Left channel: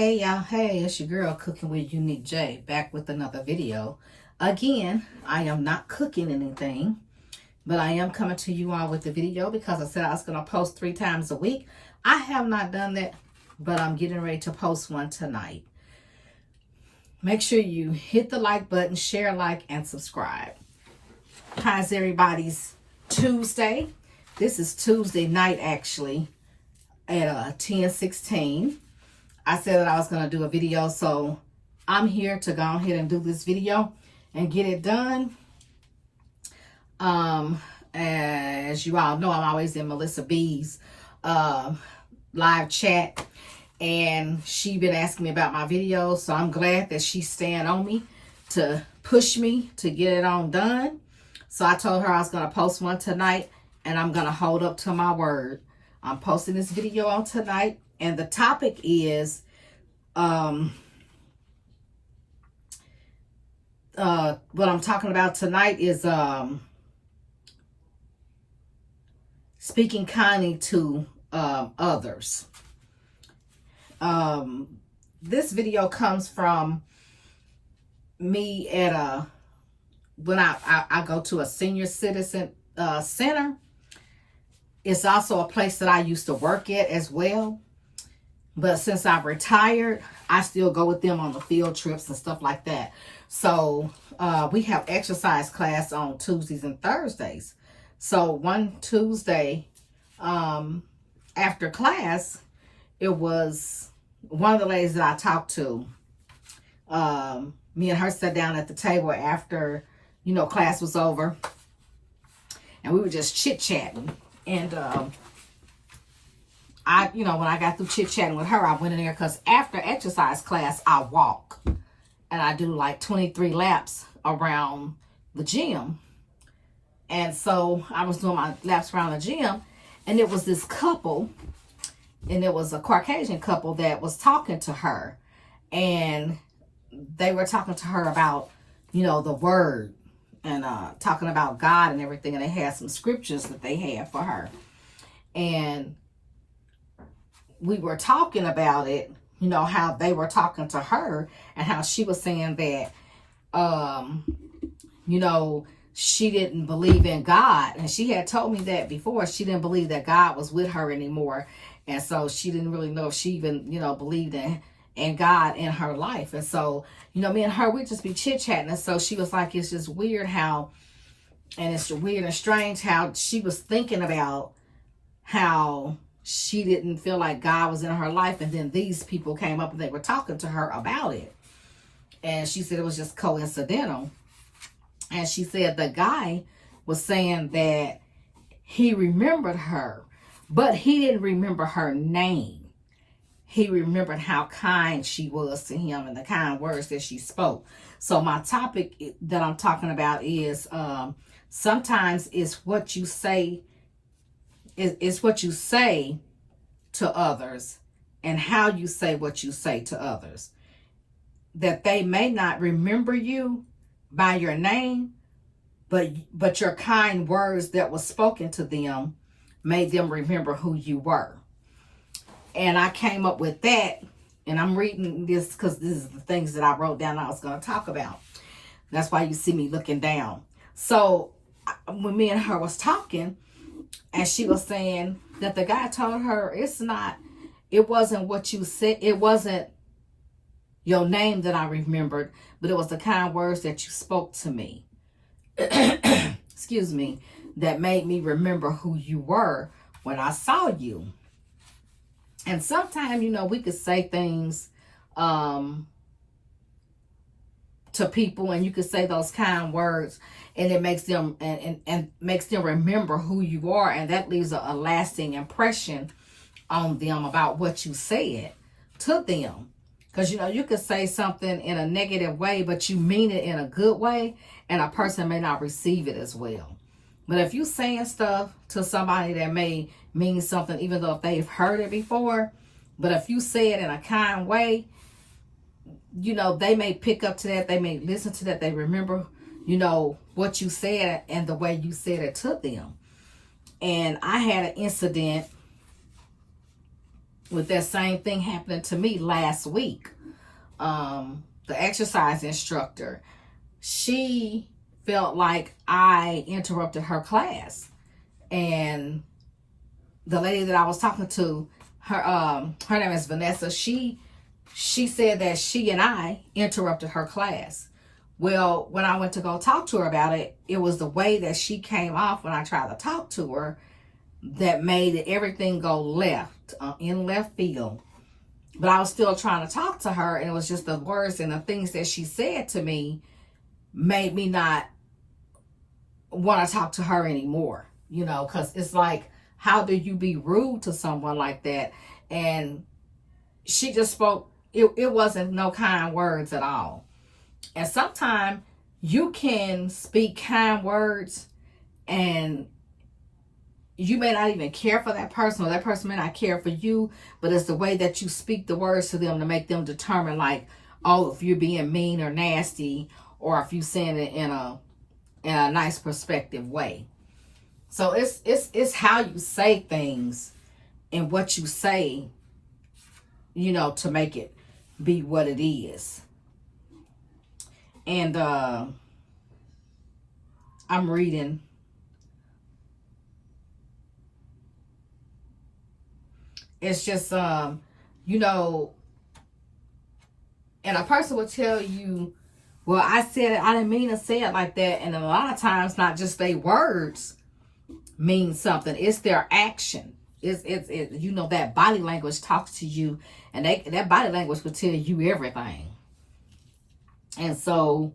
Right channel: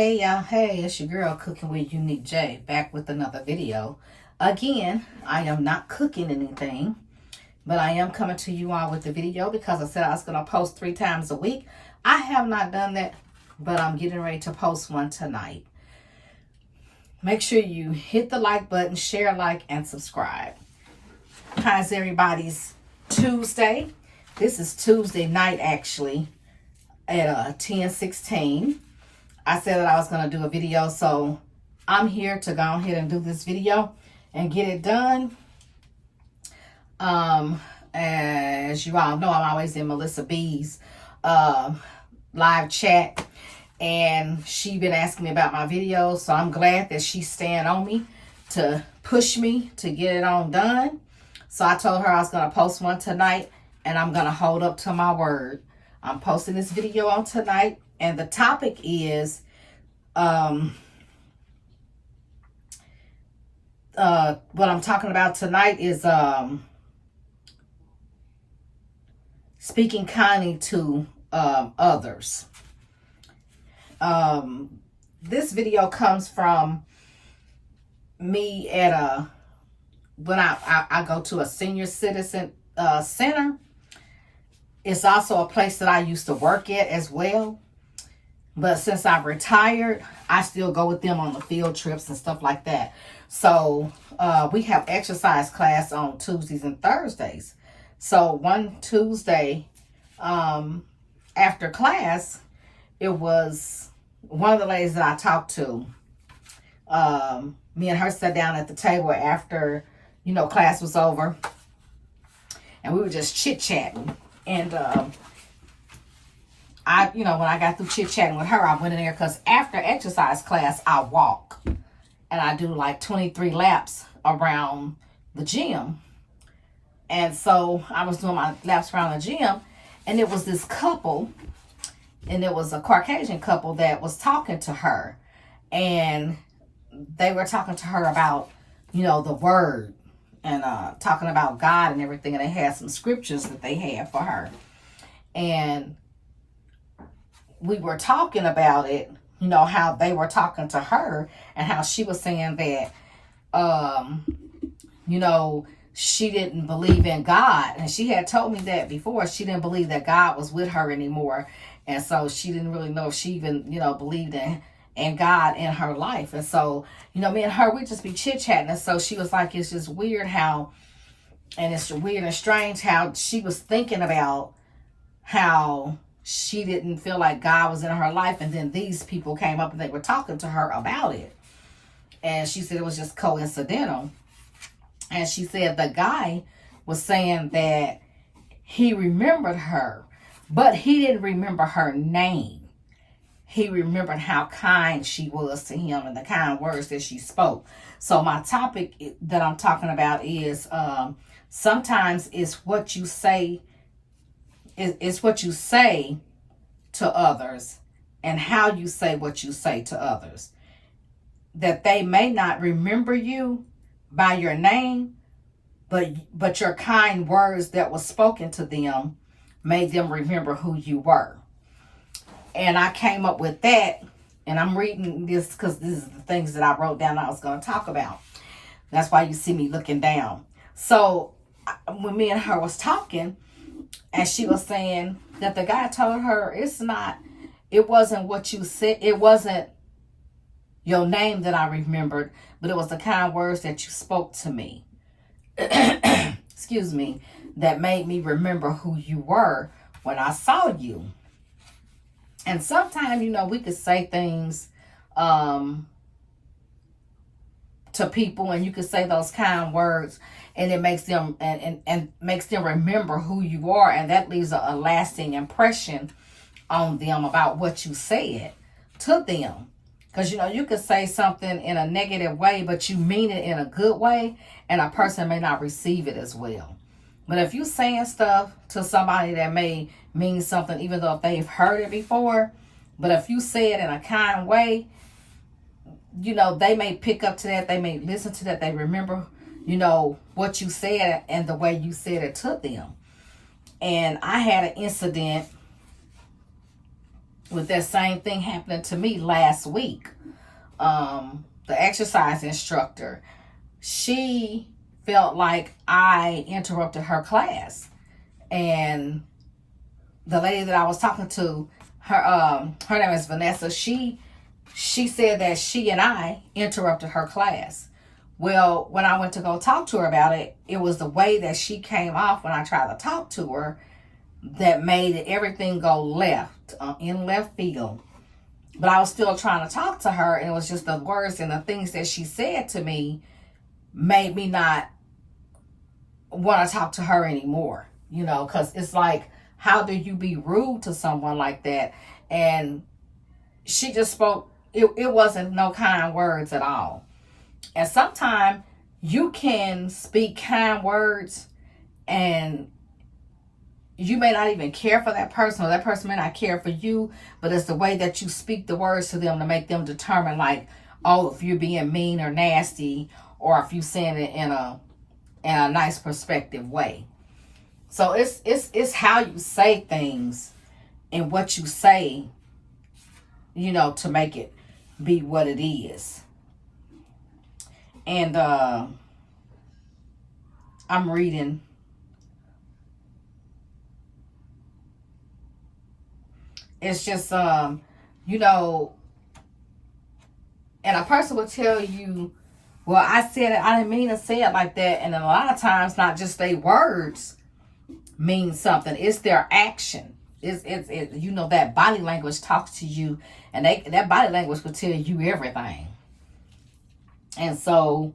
Hey y'all, hey, it's your girl Cooking with Unique J, back with another video. Again, I am not cooking anything, but I am coming to you all with the video because I said I was going to post 3 times a week. I have not done that, but I'm getting ready to post one tonight. Make sure you hit the like button, share, like, and subscribe. How's everybody's Tuesday? This is Tuesday night actually at 10:16. I said that I was going to do a video, so I'm here to go ahead and do this video and get it done. As you all know, I'm always in Melissa B's live chat, and she been asking me about my videos, so I'm glad that she's staying on me to push me to get it on done. So I told her I was going to post one tonight, and I'm going to hold up to my word. I'm posting this video on tonight. And the topic is what I'm talking about tonight is speaking kindly to others. This video comes from me at when I go to a senior citizen center. It's also a place that I used to work at as well. But since I've retired, I still go with them on the field trips and stuff like that. So we have exercise class on Tuesdays and Thursdays. So one Tuesday after class, it was one of the ladies that I talked to. Me and her sat down at the table after, class was over. And we were just chit-chatting. And when I got through chit-chatting with her, I went in there because after exercise class, I walk. And I do like 23 laps around the gym. And so I was doing my laps around the gym. And it was this couple. And it was a Caucasian couple that was talking to her. And they were talking to her about, the word. And talking about God and everything. And they had some scriptures that they had for her. And we were talking about it, how they were talking to her and how she was saying that, she didn't believe in God. And she had told me that before. She didn't believe that God was with her anymore. And so she didn't really know if she even, believed in God in her life. And so, me and her, we'd just be chit-chatting. And so she was like, it's just weird how, and it's weird and strange how she was thinking about how she didn't feel like God was in her life. And then these people came up and they were talking to her about it. And she said it was just coincidental. And she said the guy was saying that he remembered her, but he didn't remember her name. He remembered how kind she was to him and the kind words that she spoke. So my topic that I'm talking about is sometimes it's what you say. It's what you say to others and how you say what you say to others. That they may not remember you by your name, but your kind words that was spoken to them made them remember who you were. And I came up with that, and I'm reading this because this is the things that I wrote down I was going to talk about. That's why you see me looking down. So when me and her was talking, and she was saying that the guy told her it wasn't what you said. It wasn't your name that I remembered, but it was the kind words that you spoke to me. Excuse me, that made me remember who you were when I saw you. And sometimes, we could say things to people, and you could say those kind words, and it makes them and makes them remember who you are, and that leaves a lasting impression on them about what you said to them. Because you could say something in a negative way, but you mean it in a good way, and a person may not receive it as well. But if you saying stuff to somebody that may mean something, even though if they've heard it before, but if you say it in a kind way, they may pick up to that, they may listen to that, they remember what you said and the way you said it to them. And I had an incident with that same thing happening to me last week. The exercise instructor, she felt like I interrupted her class. And the lady that I was talking to, her name is Vanessa. She said that she and I interrupted her class. Well, when I went to go talk to her about it, it was the way that she came off when I tried to talk to her that made everything go left, in left field. But I was still trying to talk to her, and it was just the words and the things that she said to me made me not want to talk to her anymore, because it's like, how do you be rude to someone like that? And she just spoke, it wasn't no kind words at all. And sometimes you can speak kind words and you may not even care for that person, or that person may not care for you, but it's the way that you speak the words to them to make them determine, like, oh, if you're being mean or nasty, or if you're saying it in a nice perspective way. So it's how you say things and what you say, to make it be what it is. And I'm reading. It's just, and a person will tell you, well, I said it, I didn't mean to say it like that. And a lot of times, not just their words mean something, it's their action. It's that body language talks to you, and that body language will tell you everything. And so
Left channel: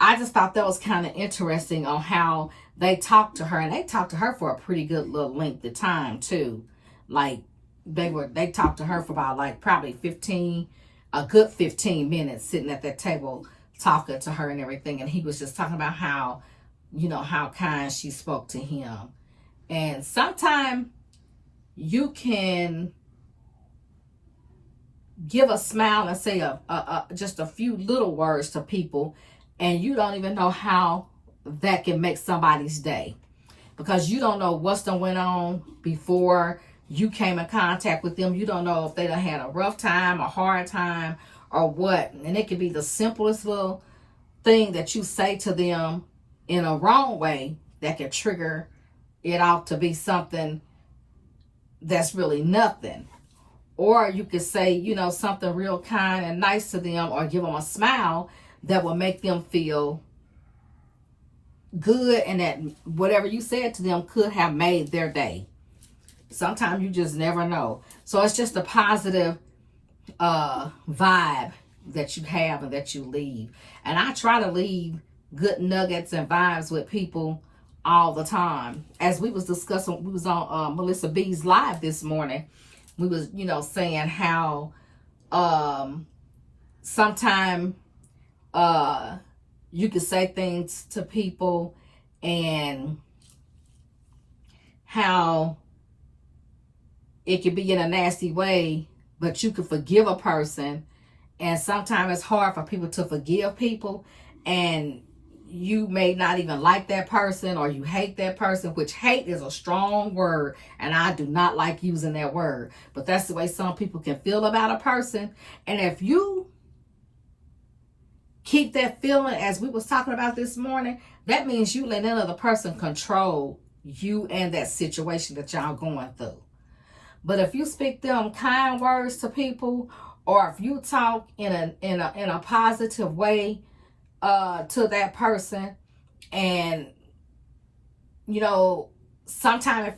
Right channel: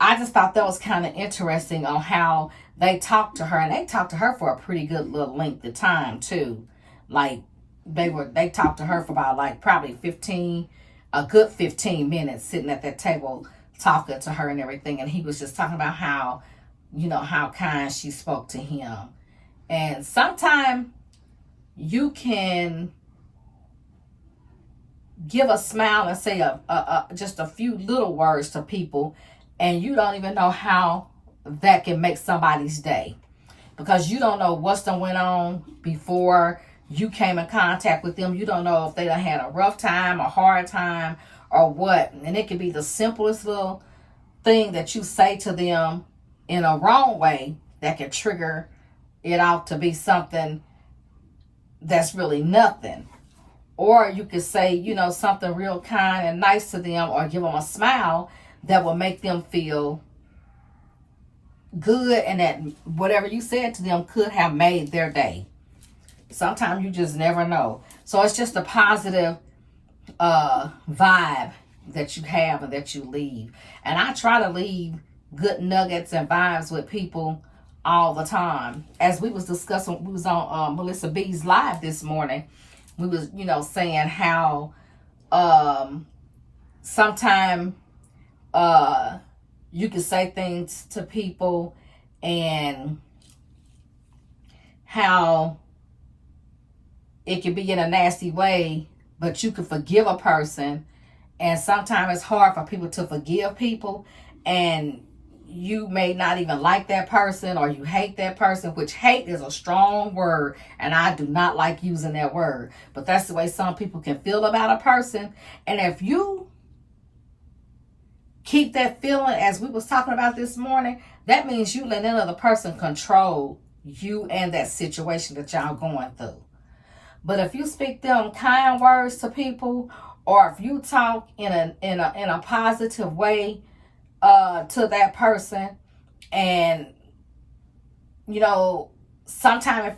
I just thought that was kind of interesting on how they talked to her, and they talked to her for a pretty good little length of time too. Like, they talked to her for about, like, probably a good 15 minutes sitting at that table talking to her and everything. And he was just talking about how, how kind she spoke to him. And sometimes you can give a smile and say just a few little words to people, and you don't even know how that can make somebody's day, because you don't know what's done went on before you came in contact with them. You don't know if they done had a rough time, a hard time, or what. And it can be the simplest little thing that you say to them in a wrong way that can trigger it out to be something that's really nothing. Or you could say, something real kind and nice to them, or give them a smile that will make them feel good, and that whatever you said to them could have made their day. Sometimes you just never know. So it's just a positive vibe that you have and that you leave. And I try to leave good nuggets and vibes with people all the time. As we was discussing, we was on Melissa B's live this morning. We was, saying how sometimes you can say things to people, and how it can be in a nasty way, but you can forgive a person. And sometimes it's hard for people to forgive people, and you may not even like that person, or you hate that person, which hate is a strong word, and I do not like using that word, but that's the way some people can feel about a person. And if you keep that feeling, as we was talking about this morning, that means you let another person control you and that situation that y'all going through. But if you speak them kind words to people, or if you talk in a positive way to that person, and sometimes,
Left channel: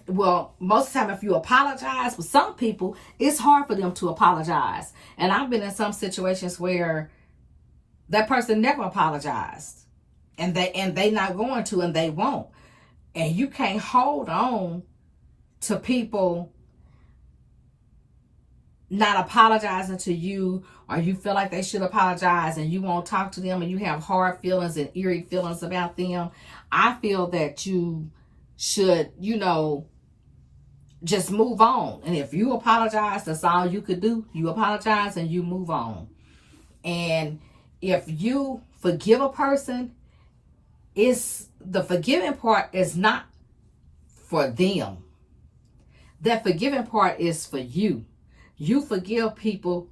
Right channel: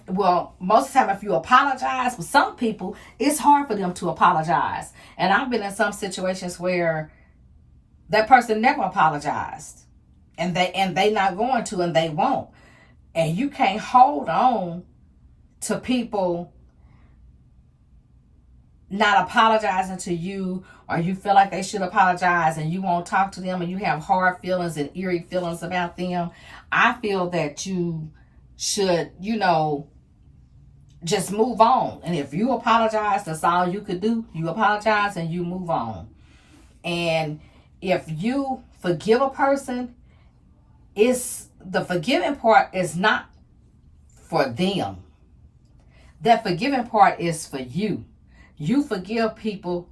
most of the time, if you apologize, with some people it's hard for them to apologize. And I've been in some situations where that person never apologized, and they not going to, and they won't. And you can't hold on to people not apologizing to you, or you feel like they should apologize and you won't talk to them, and you have hard feelings and eerie feelings about them. I feel that you should, just move on. And if you apologize, that's all you could do. You apologize and you move on. And if you forgive a person, the forgiving part is not for them. That forgiving part is for you. You forgive people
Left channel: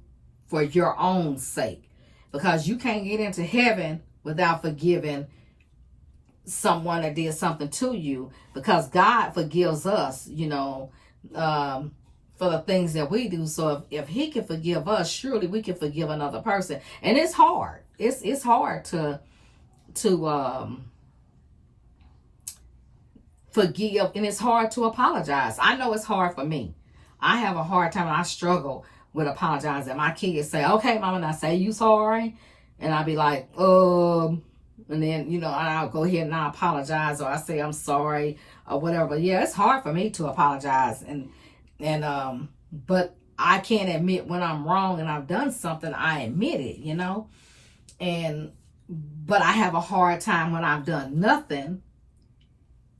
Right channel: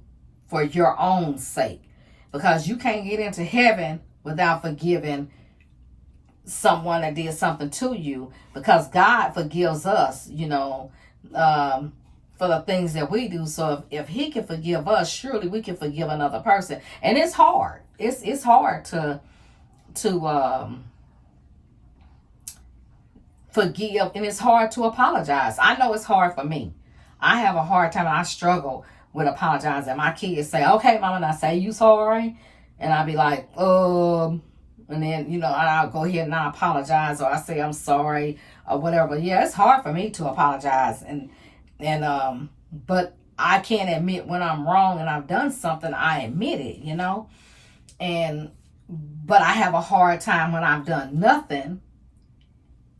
for your own sake, because you can't get into heaven without forgiving someone that did something to you, because God forgives us, for the things that we do. So if he can forgive us, surely we can forgive another person. And it's hard. It's hard to forgive, and it's hard to apologize. I know it's hard for me. I have a hard time, and I struggle with apologizing. My kids say, "Okay, mama," and I say, "You sorry?" And I'll be like, and then, I'll go ahead and I apologize, or I say I'm sorry or whatever. But yeah, it's hard for me to apologize. But I can't admit when I'm wrong and I've done something. I admit it, but I have a hard time when I've done nothing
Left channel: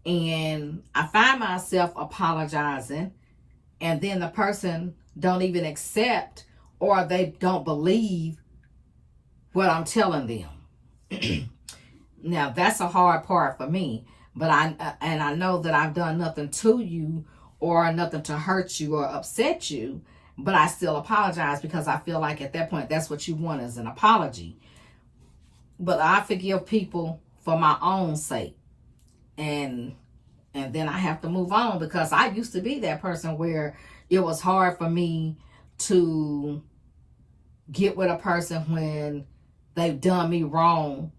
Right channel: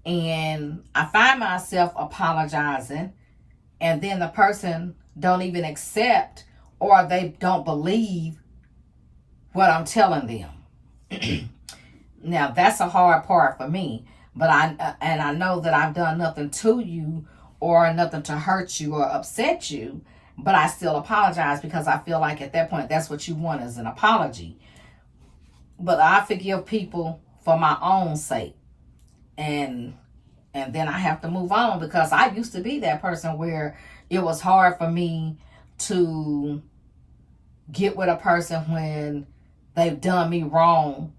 and I find myself apologizing, and then the person don't even accept, or they don't believe what I'm telling them. Now that's a hard part for me, but I know that I've done nothing to you or nothing to hurt you or upset you, but I still apologize, because I feel like at that point that's what you want, is an apology. But I forgive people for my own sake, and then I have to move on, because I used to be that person where it was hard for me to get with a person when they've done me wrong,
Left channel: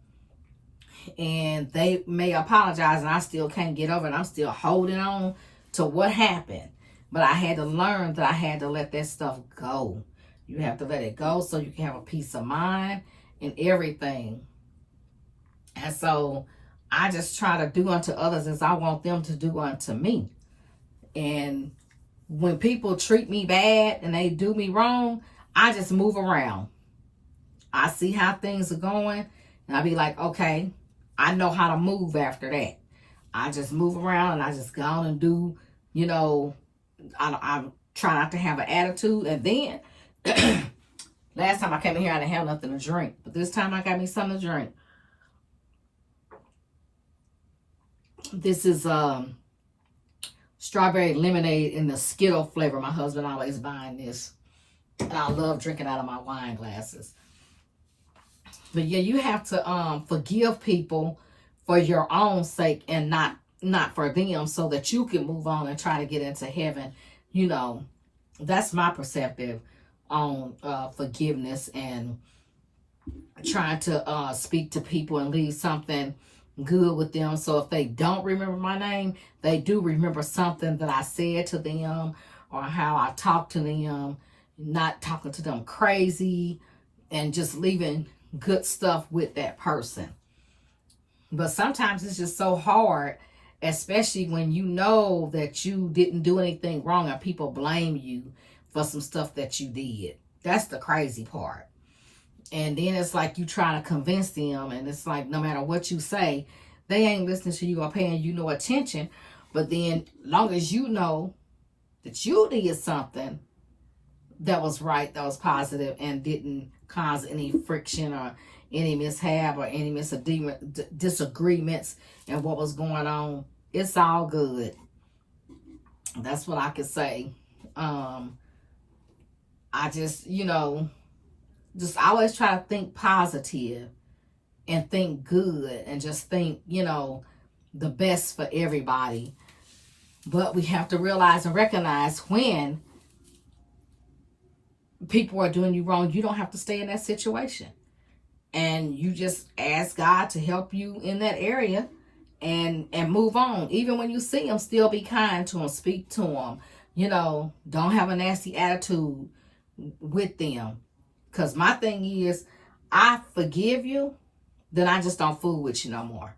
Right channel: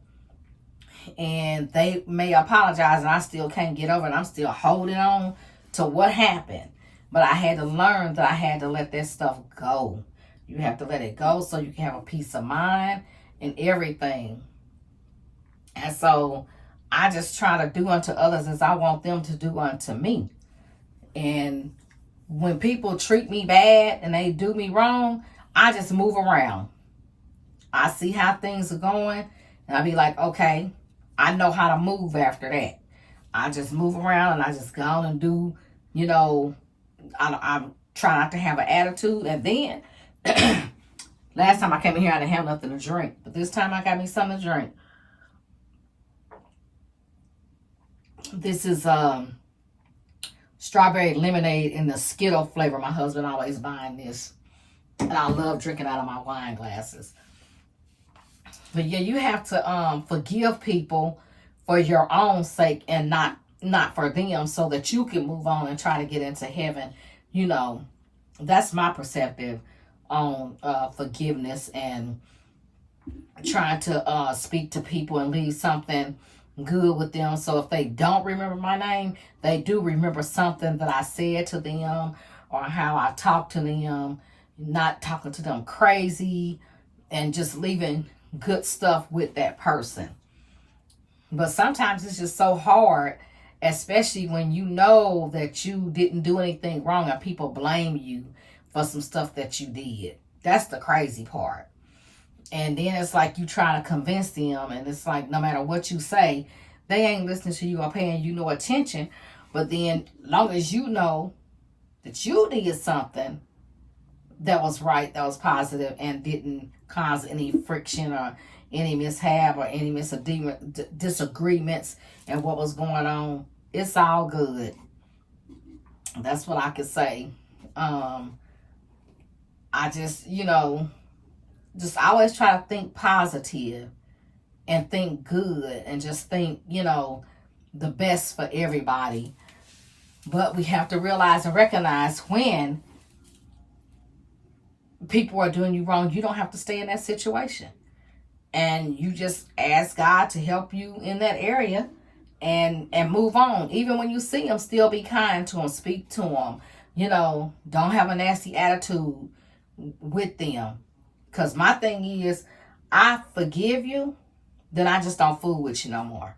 and they may apologize and I still can't get over it. I'm still holding on to what happened. But I had to learn that I had to let that stuff go. You have to let it go so you can have a peace of mind and everything. And so I just try to do unto others as I want them to do unto me. And when people treat me bad and they do me wrong, I just move around. I see how things are going, and I be like, okay, I know how to move after that. I just move around and I just go on and do, I try not to have an attitude. And then last time I came in here, I didn't have nothing to drink, but this time I got me something to drink. This is strawberry lemonade in the Skittle flavor. My husband always buying this, and I love drinking out of my wine glasses. But yeah, you have to forgive people for your own sake, and not for them, so that you can move on and try to get into heaven. That's my perspective on forgiveness and trying to speak to people and leave something good with them. So if they don't remember my name, they do remember something that I said to them, or how I talked to them, not talking to them crazy, and just leaving good stuff with that person. But sometimes it's just so hard, especially when you know that you didn't do anything wrong and people blame you for some stuff that you did. That's the crazy part. And then it's like you try to convince them, and it's like no matter what you say, they ain't listening to you or paying you no attention. But then long as you know that you did something that was right, that was positive, and didn't cause any friction or any mishap or any disagreements and what was going on, it's all good. That's what I could say. I just, just always try to think positive and think good, and just think, the best for everybody. But we have to realize and recognize when people are doing you wrong, you don't have to stay in that situation. And you just ask God to help you in that area and move on. Even when you see them, still be kind to them, speak to them. Don't have a nasty attitude with them. Because my thing is, I forgive you, then I just don't fool with you no more.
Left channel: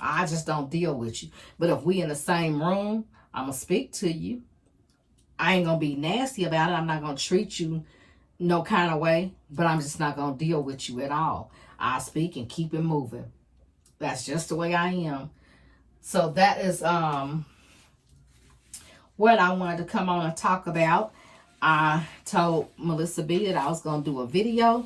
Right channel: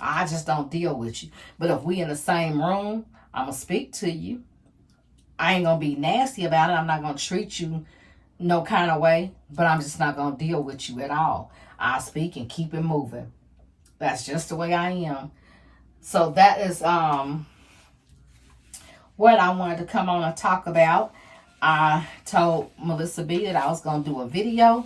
I just don't deal with you. But if we in the same room, I'm going to speak to you. I ain't going to be nasty about it. I'm not going to treat you no kind of way, but I'm just not going to deal with you at all. I speak and keep it moving. That's just the way I am. So that is what I wanted to come on and talk about. I told Melissa B that I was going to do a video,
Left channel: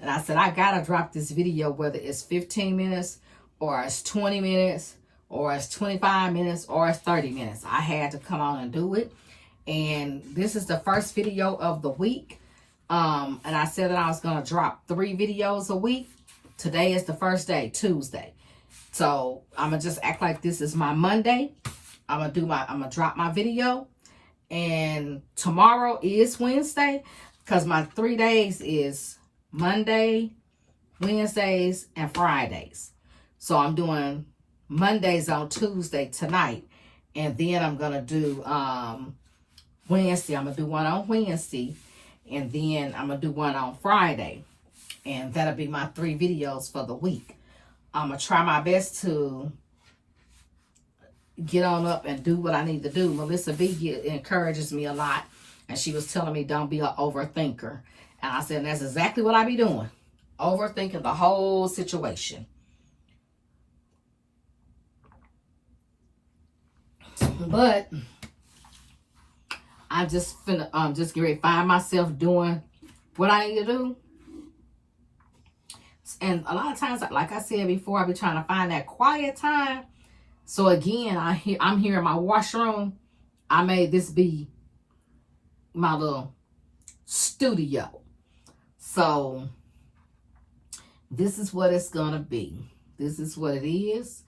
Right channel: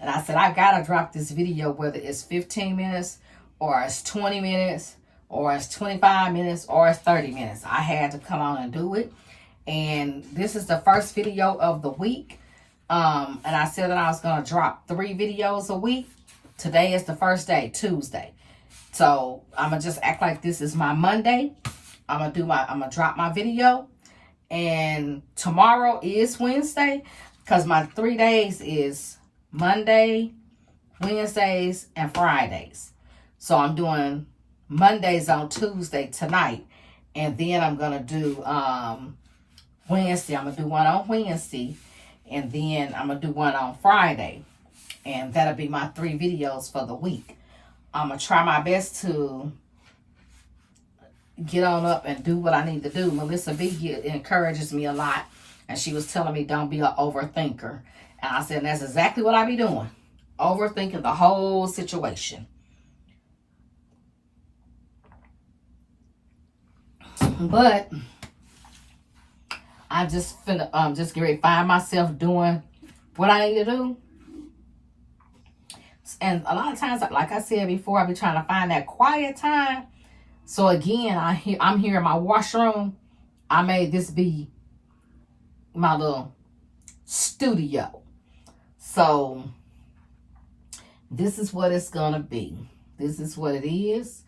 and I said I got to drop this video, whether it's 15 minutes or it's 20 minutes or it's 25 minutes or it's 30 minutes. I had to come on and do it. And this is the first video of the week. And I said that I was going to drop 3 videos a week. Today is the first day, Tuesday. So I'm going to just act like this is my Monday. I'm going to drop my video. And tomorrow is Wednesday, because my 3 days is Monday, Wednesdays, and Fridays. So I'm doing Mondays on Tuesday tonight. And then I'm going to do Wednesday. I'm going to do one on Wednesday. And then I'm going to do one on Friday. And that'll be my 3 videos for the week. I'm going to try my best to get on up and do what I need to do. Melissa B encourages me a lot. And she was telling me, don't be an overthinker. And I said, that's exactly what I be doing. Overthinking the whole situation. But I just finna just get ready to find myself doing what I need to do. And a lot of times, like I said before, I be trying to find that quiet time. So again, I'm here in my washroom. I made this be my little studio. So this is what it's gonna be. This is what it is.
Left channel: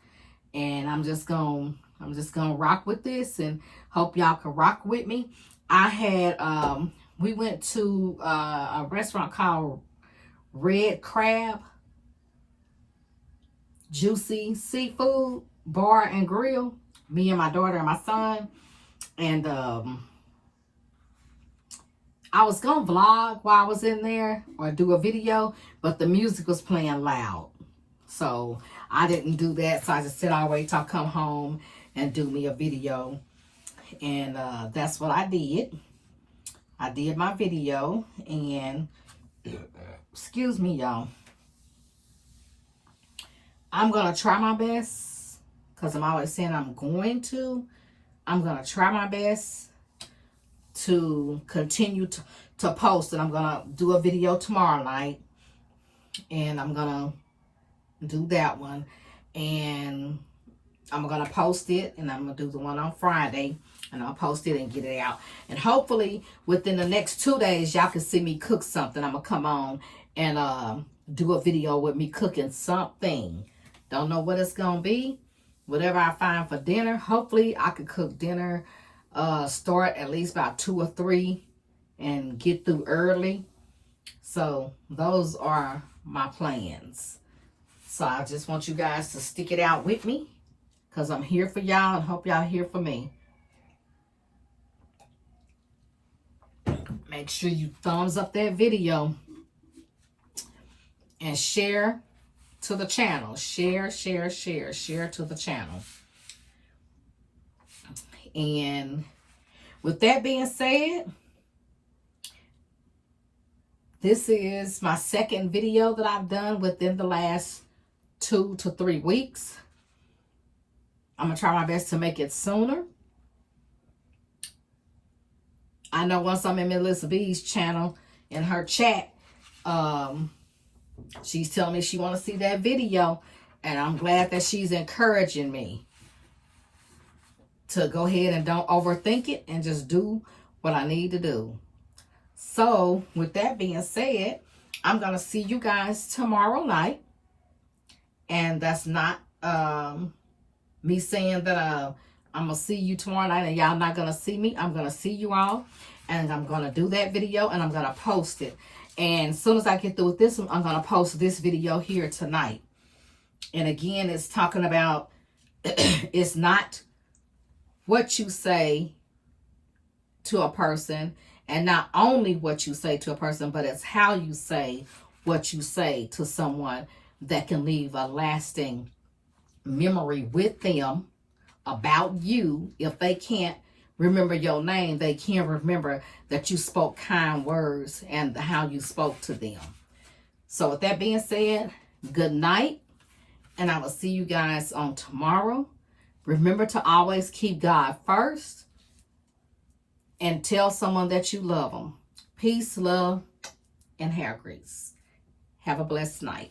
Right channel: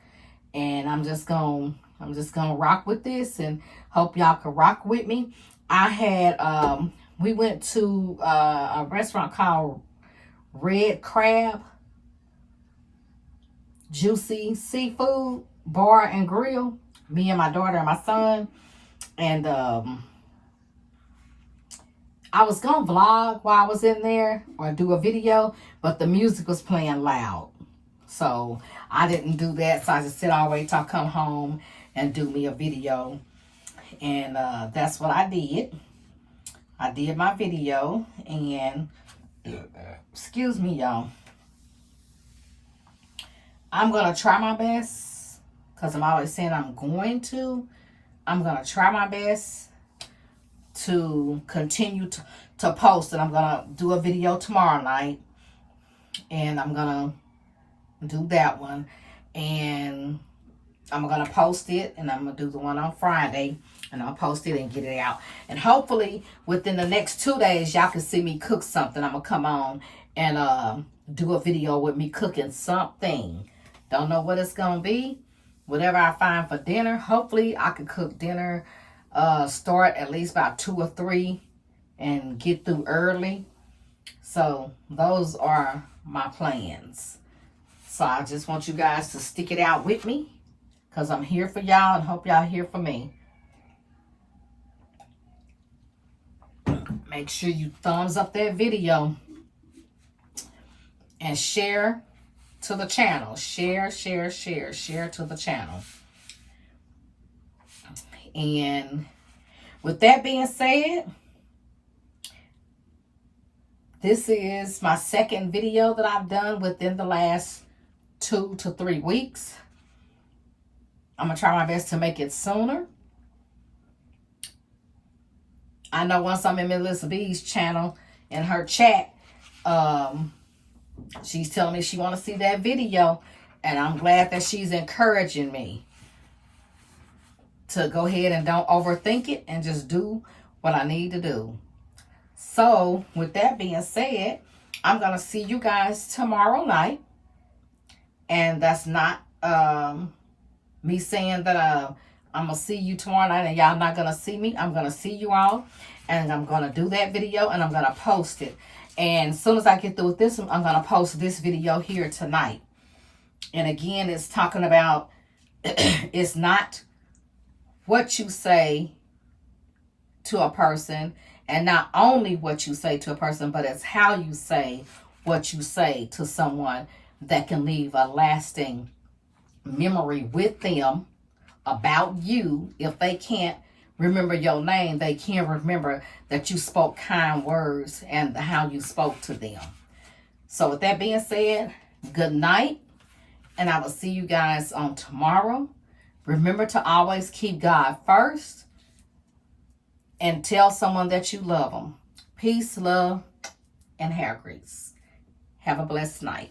And I'm just gonna rock with this and hope y'all can rock with me. I had we went to a restaurant called Red Crab Juicy Seafood Bar and Grill. Me and my daughter and my son. And I was gonna vlog while I was in there or do a video, but the music was playing loud. So I didn't do that. So I just said, I'll wait till I come home and do me a video. And that's what I did. I did my video. And excuse me, y'all. I'm going to try my best, because I'm always saying I'm going to. I'm going to try my best to continue to post. And I'm going to do a video tomorrow night. And I'm going to do that one. And I'm going to post it. And I'm going to do the one on Friday. And I'll post it and get it out. And hopefully within the next 2 days, y'all can see me cook something. I'm going to come on and do a video with me cooking something. Don't know what it's going to be. Whatever I find for dinner. Hopefully I can cook dinner. Start at least about 2 or 3. And get through early. So those are my plans. So I just want you guys to stick it out with me. Because I'm here for y'all and hope y'all here for me. Make sure you thumbs up that video. And share to the channel. Share to the channel. And with that being said, this is my second video that I've done within the last 2 to 3 weeks. I'm going to try my best to make it sooner. I know once I'm in Melissa B's channel, in her chat, she's telling me she want to see that video. And I'm glad that she's encouraging me to go ahead and don't overthink it and just do what I need to do. So, with that being said, I'm going to see you guys tomorrow night. And that's not me saying that I'm going to see you tomorrow night and y'all not going to see me. I'm going to see you all. And I'm going to do that video and I'm going to post it. And as soon as I get through with this, I'm going to post this video here tonight. And again, it's talking about, it's not what you say to a person. And not only what you say to a person, but it's how you say what you say to someone that can leave a lasting memory with them about you. If they can't remember your name, they can remember that you spoke kind words and how you spoke to them. So with that being said, good night. And I will see you guys on tomorrow. Remember to always keep God first. And tell someone that you love them. Peace, love, and hair grease. Have a blessed night.